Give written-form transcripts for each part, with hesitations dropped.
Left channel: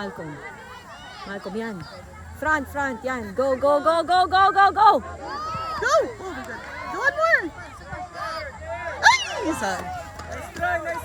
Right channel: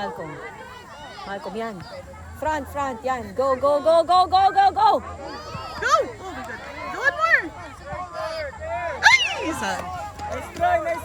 Malcolm. Malcolm, yan. Front, yan. Go, go, go, go, go, go, go! Go! Oh my God. Do one more! Ay! Isa.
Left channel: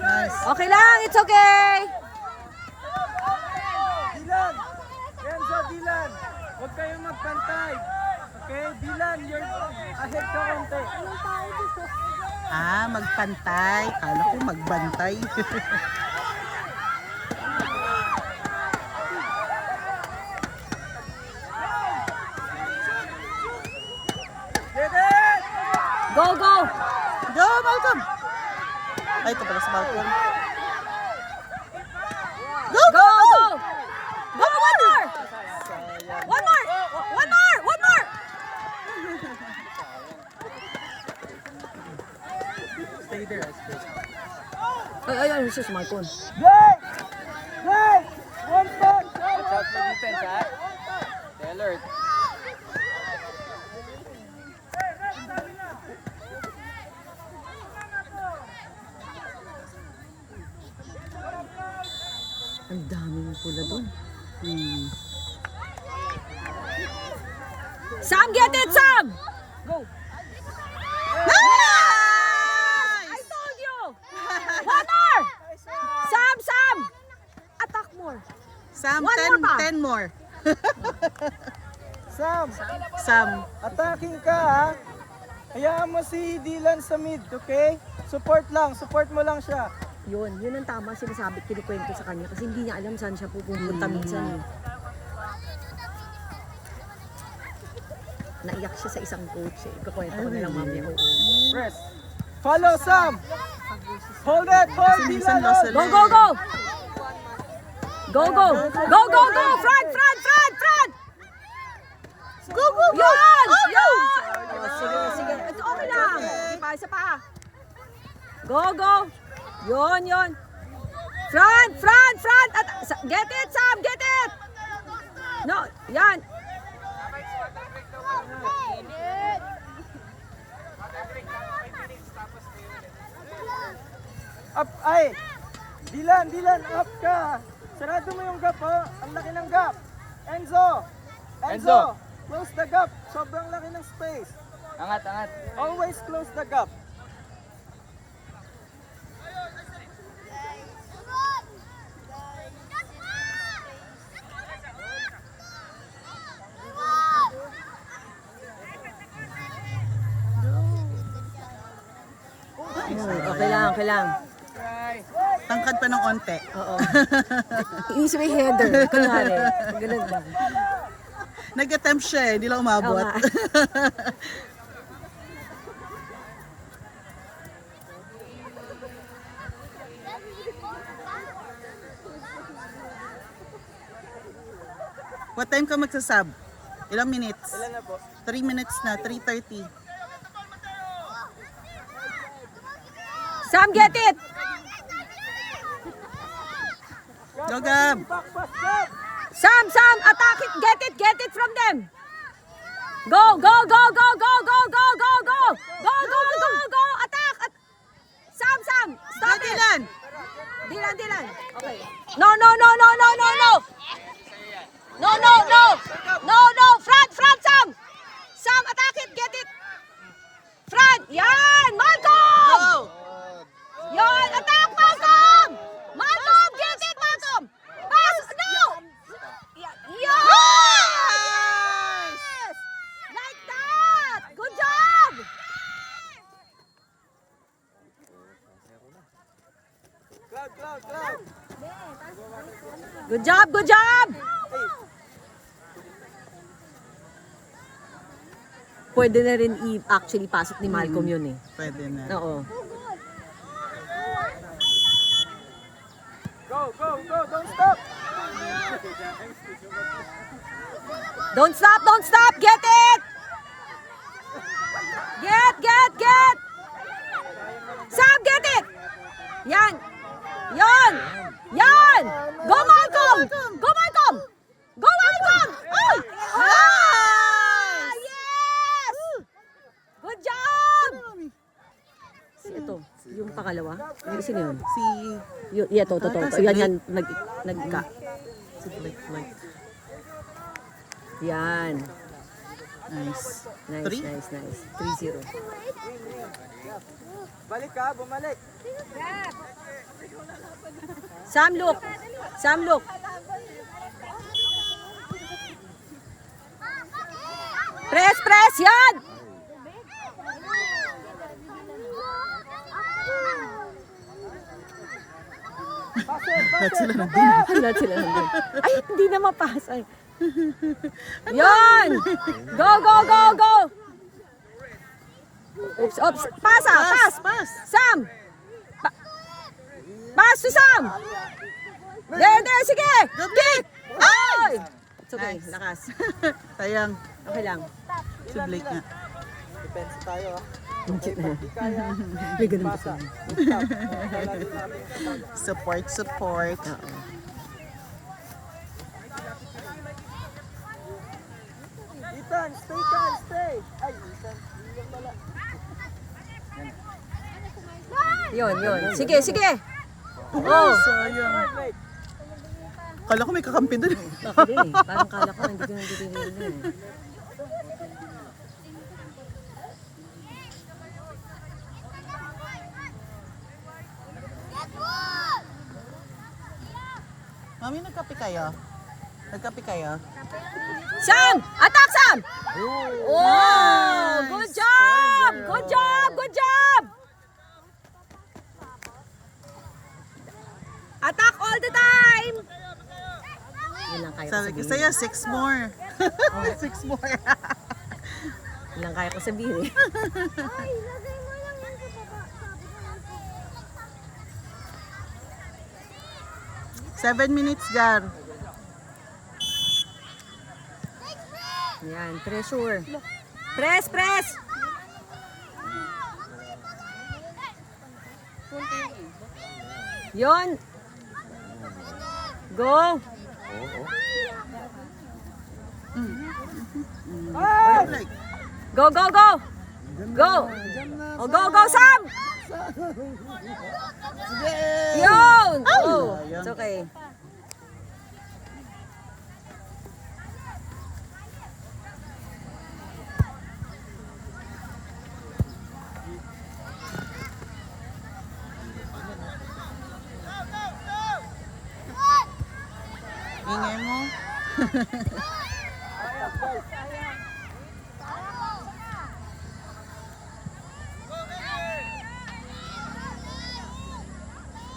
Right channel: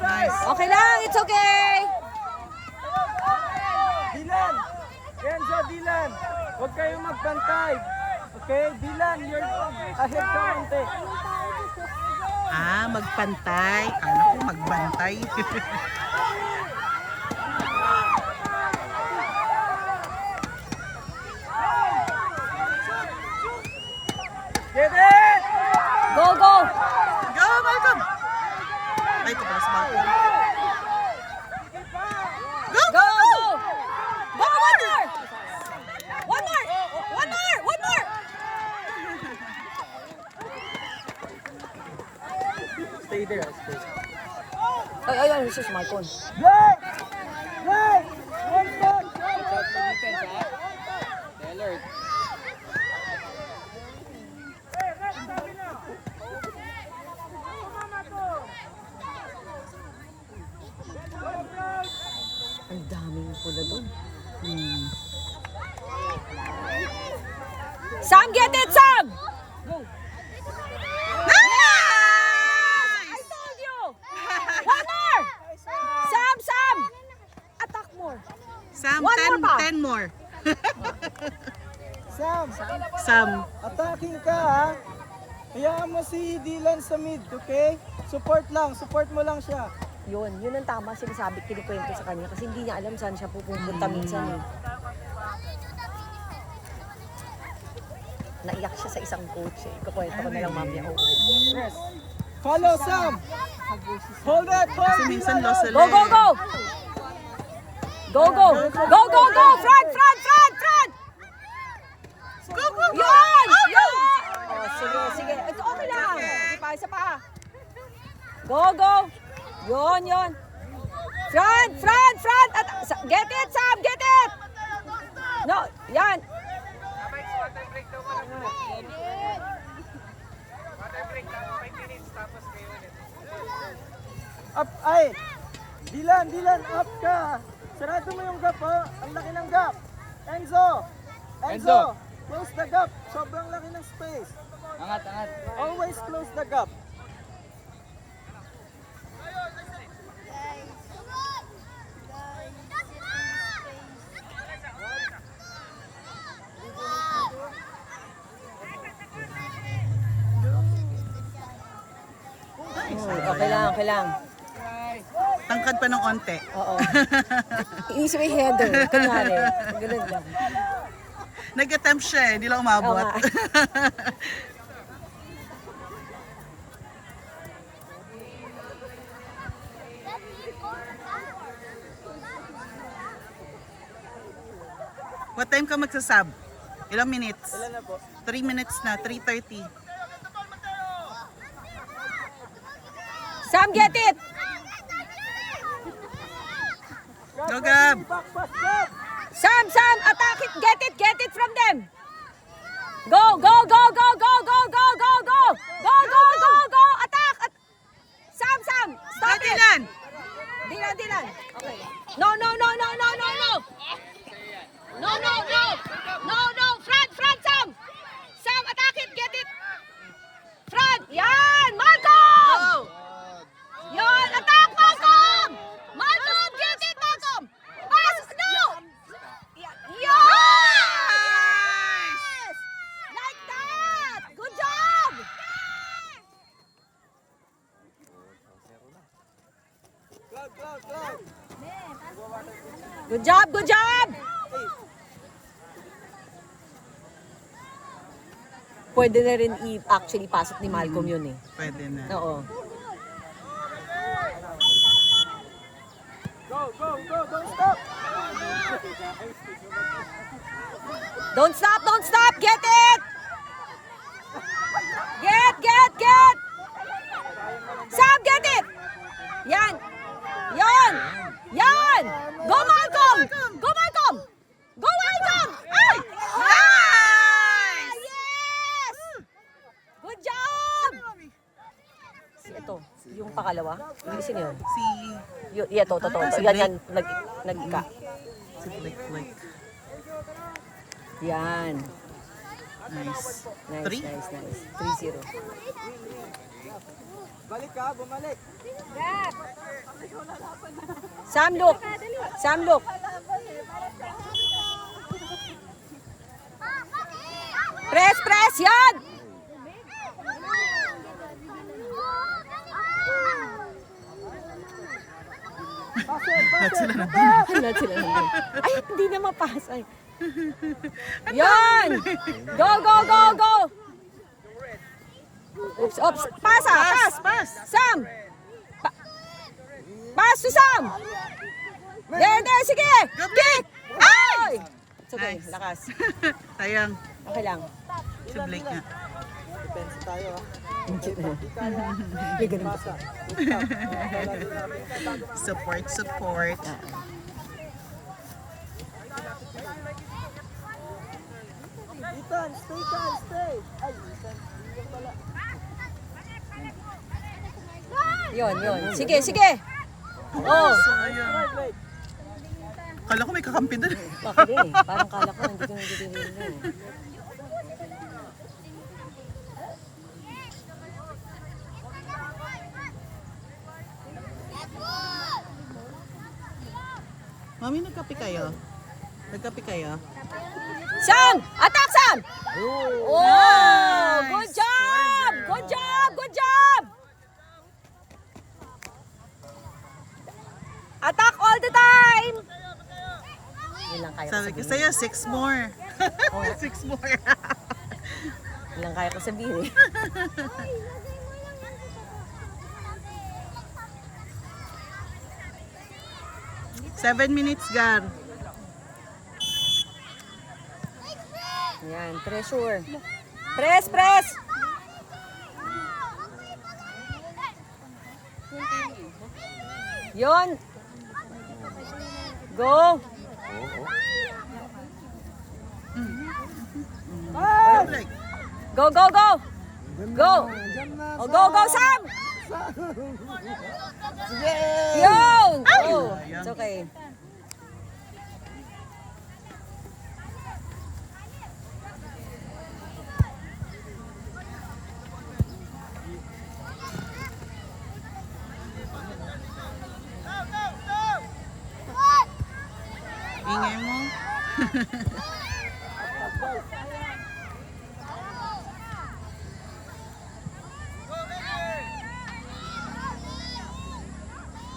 Nice. Okay lang, it's okay! Dylan! Kenzo, Dylan! Huwag kayong magbantay. Okay, Dylan, you're ahead ka konti. Magpantay. Kala ko magbantay. Get it! Go, go! Go, Malcolm! Ay, ito pala si Malcolm. Go! Go, go! Go, one more! One more! One more! One more! Stay there. Ay, this is Malcolm. Play! Play! One back! Watch out for defense, ha? Stay alert. Ang daming pula doon. Sam, get it, Sam! Go! Nice! I told you! One more! Sam! Attack more. Sam, One more pa. 10 more. Sam, Sam. attacking ka, ha? Hayaan mo si Dylan sa mid, okay? Support mo lang siya. Yun ang tama sinasabi, kinikwento sa kanya kasi hindi niya alam saan siya pupunta minsan. Naiyak siya sa isang coach eh. Kakwento ko na lang mamaya. Press. Follow, Sam! Hold it! Hold Kasi minsan lost Go, go, go! Go, go! Go, go, go! Front! Go, go, go! Yun! Oh, no! Sige. Ito, okay lang. Isa pa. Go, go! Yun. Front! Get it, Sam! Get it! No, yan. Up, ay! Dylan, up ka! Sarado mo yung gap, ha? Ang laki ng gap! Enzo! Close the gap! Sobrang laki ng space! Angat. Always close the gap! Okay lang. Tangkad pa ng onte. Oo. Inisip yung header. Kunwari. Ganun lang. Nag-attempt siya eh, hindi lang umabot. Oo nga. What time ka magsasab? Ilang minutes? Ilan na po? 3 minutes na, 3:30. Sam, get it! Go, Gab! Back pass, Gab! Sam, attack it! Get it from them! Go! Attack! Sam! Stop it! Dylan! Dylan! Okay. No! No! Front, Sam! Sam, attack it! Get it! Front! Yan! Malcolm! Go! Yan! Attack, Malcolm! Malcolm! Get it, Malcolm! Pass! No! Yan! Nice! Like that! Good job! Cloud! Good job! Pwede na rin actually pasok ni Malcolm yun eh. Pwede na. Oo. Go! Don't stop! Don't stop! Get it! Get! Sam, get it! Yan! Go, Malcolm! Ay! Nice! Yes! Good job! Ito, yung pangalawa. Sino yun? Si... Ito. si Yan, Blake. nagka. Si Sublik. Yan. Nice. Nice, Three? nice. 3-0. Balik ka, bumalik. Sam, look. Press, yan! Paset. Lahat sila nandun. Ay, hindi na mapasa. Yan! Go! Oops. Pass! Sam! Pass to Sam! Hindi, sige! Kick! Ay! It's okay, Nice. lakas. Sayang. Okay lang. Sublik nga. Depensa tayo ha. Okay, pag di kaya, pasa. Stop. Wala din nakatingin sa bag. Support. Ethan, stay. Ay, Ethan, iwan pala. Yun. Sige. Oh! Sayang. Right. Kala ko may kakampi doon. Bakit eh? Parang kala ko nandito. Mami, nagkape kayo? Sam! Attack, Sam! Oh! Nice! Good job! 4-0. Good job! Attack all the time! Yun lang kaya Sabi ko sa'yo, 6 more. 6 more. Yun lang kaya ko sabihin eh. 7 minutes, Gar. Yan, pressure. Press! Yun. Go! Like, Go! Go, Sam! Yun! Oh, it's okay. ingay mo.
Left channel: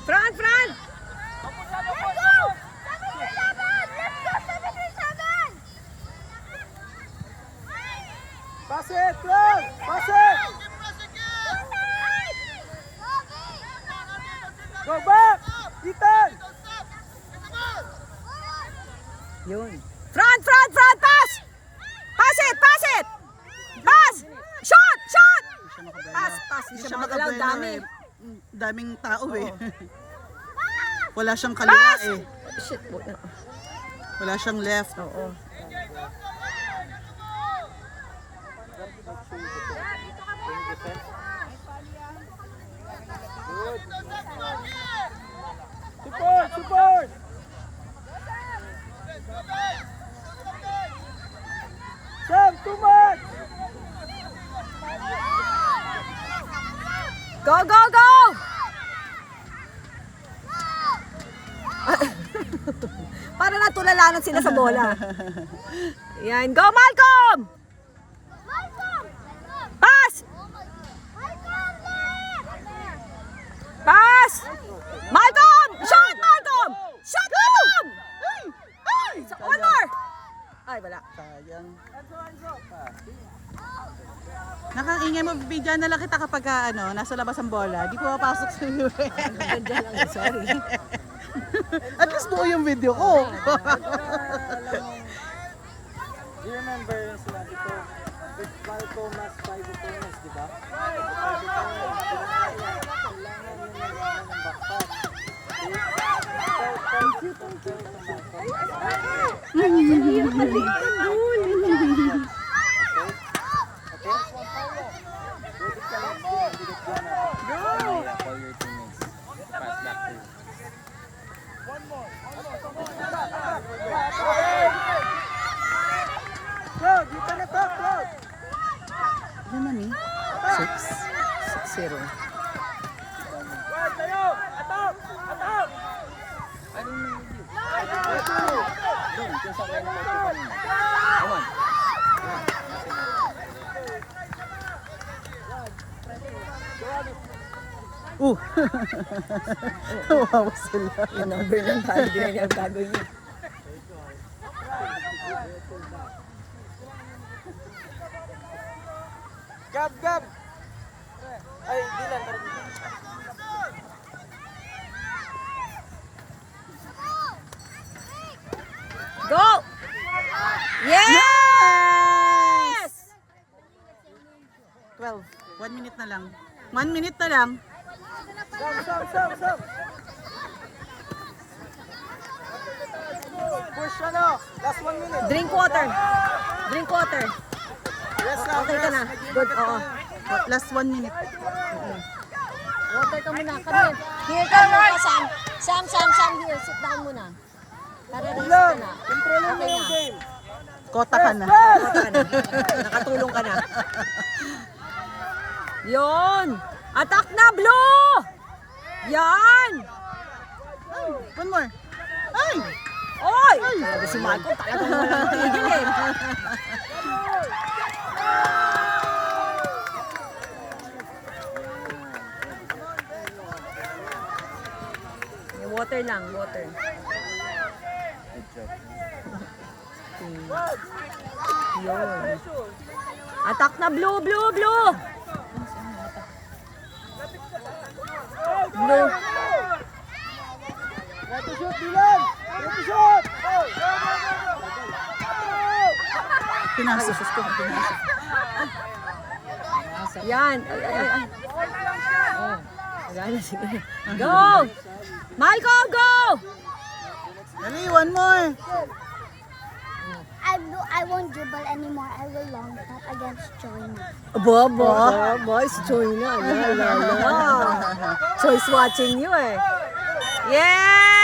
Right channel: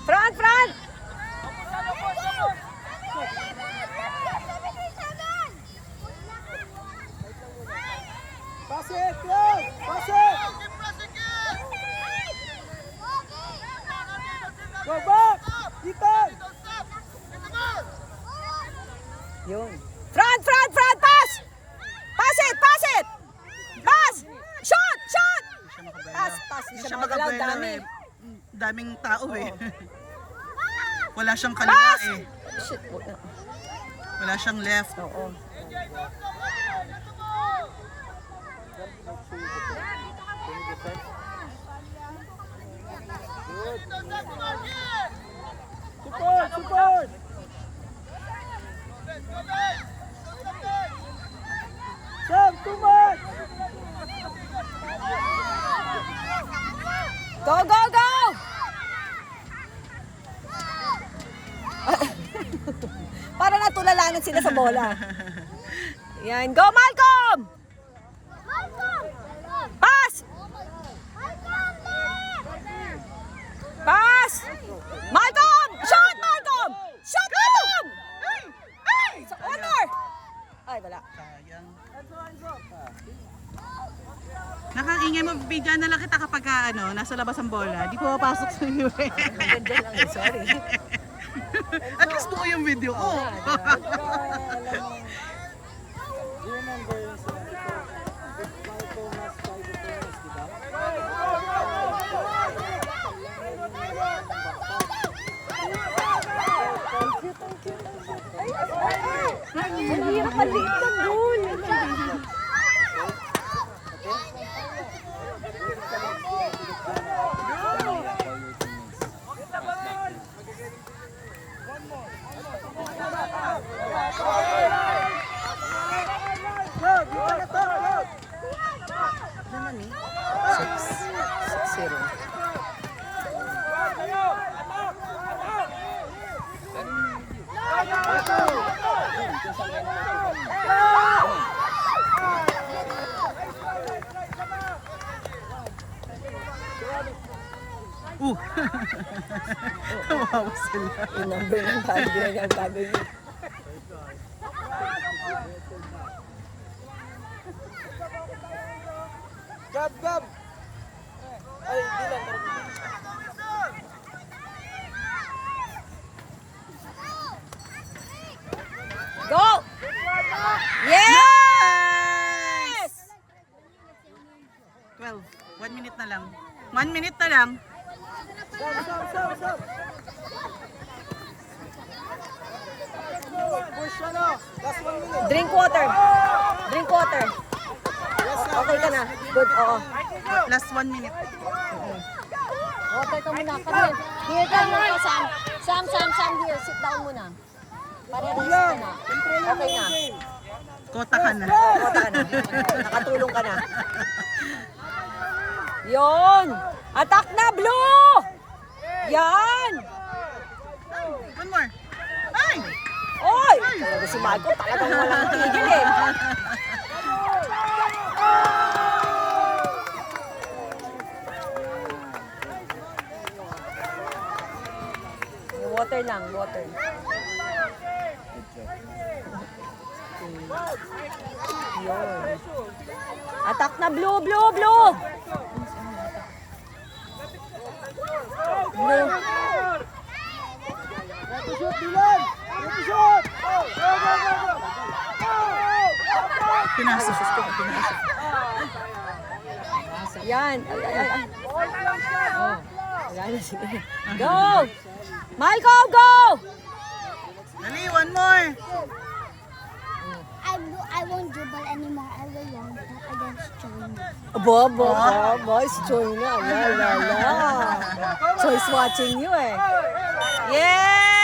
Front! Paset, Clark! Paset! Go back! Ethan! Yun. Front! Pass! Pass it! Pass! Shot! Pass! Hindi Hindi siya siya makagalaw. makabelo Dami. eh. Daming tao eh. Wala siyang kaliwa eh. Shit. Wala siyang left. Oo. Good. Support! Sam, too much! Go! Para natulalanan sila sa bola. Yan. Go, Malcolm! Pass! Malcolm! Shot, Malcolm! One more! Ay, wala. Sayang. Enzo! Nakakaingay mo, bigyan na lang kita kapag nasa labas ang bola. Di pumapasok sa iyo eh. Sorry. At least buo yung video ko. Do you remember yung sinabi ko? If Malcolm has 5 opponents, di ba? Kawawa sila. Yung number ng bago yan, bago yun. Gab, Gab! Ay, Dylan. Go! Yes! 12. 1 minute na lang. 1 minute na lang. Sam! Push ano? Last 1 minute. Drink water. Drink water. Yes, Sam. Okay ka na. Good, oo. Last 1 minute. Here ka, Roy. Sam, here. Sit down muna. Dylan, controlin mo yung game. Kota ka na. Nakatulong ka na. Yon! Attack na, Blue! Yan! One more. Ay! Oy! Si Marco, tayo na tigil eh. Water lang, water. Yun. Attack na, Blue! Blue! Blue. Ready to shoot, Dylan! Ready to shoot! Pinasok. Yan. Ay. Oh. Wala na, sige. Go! Malcolm, go! Dali, one more. I won't dribble anymore. I will long shot against China. Boys, join na. Choice watching you eh. Yeah!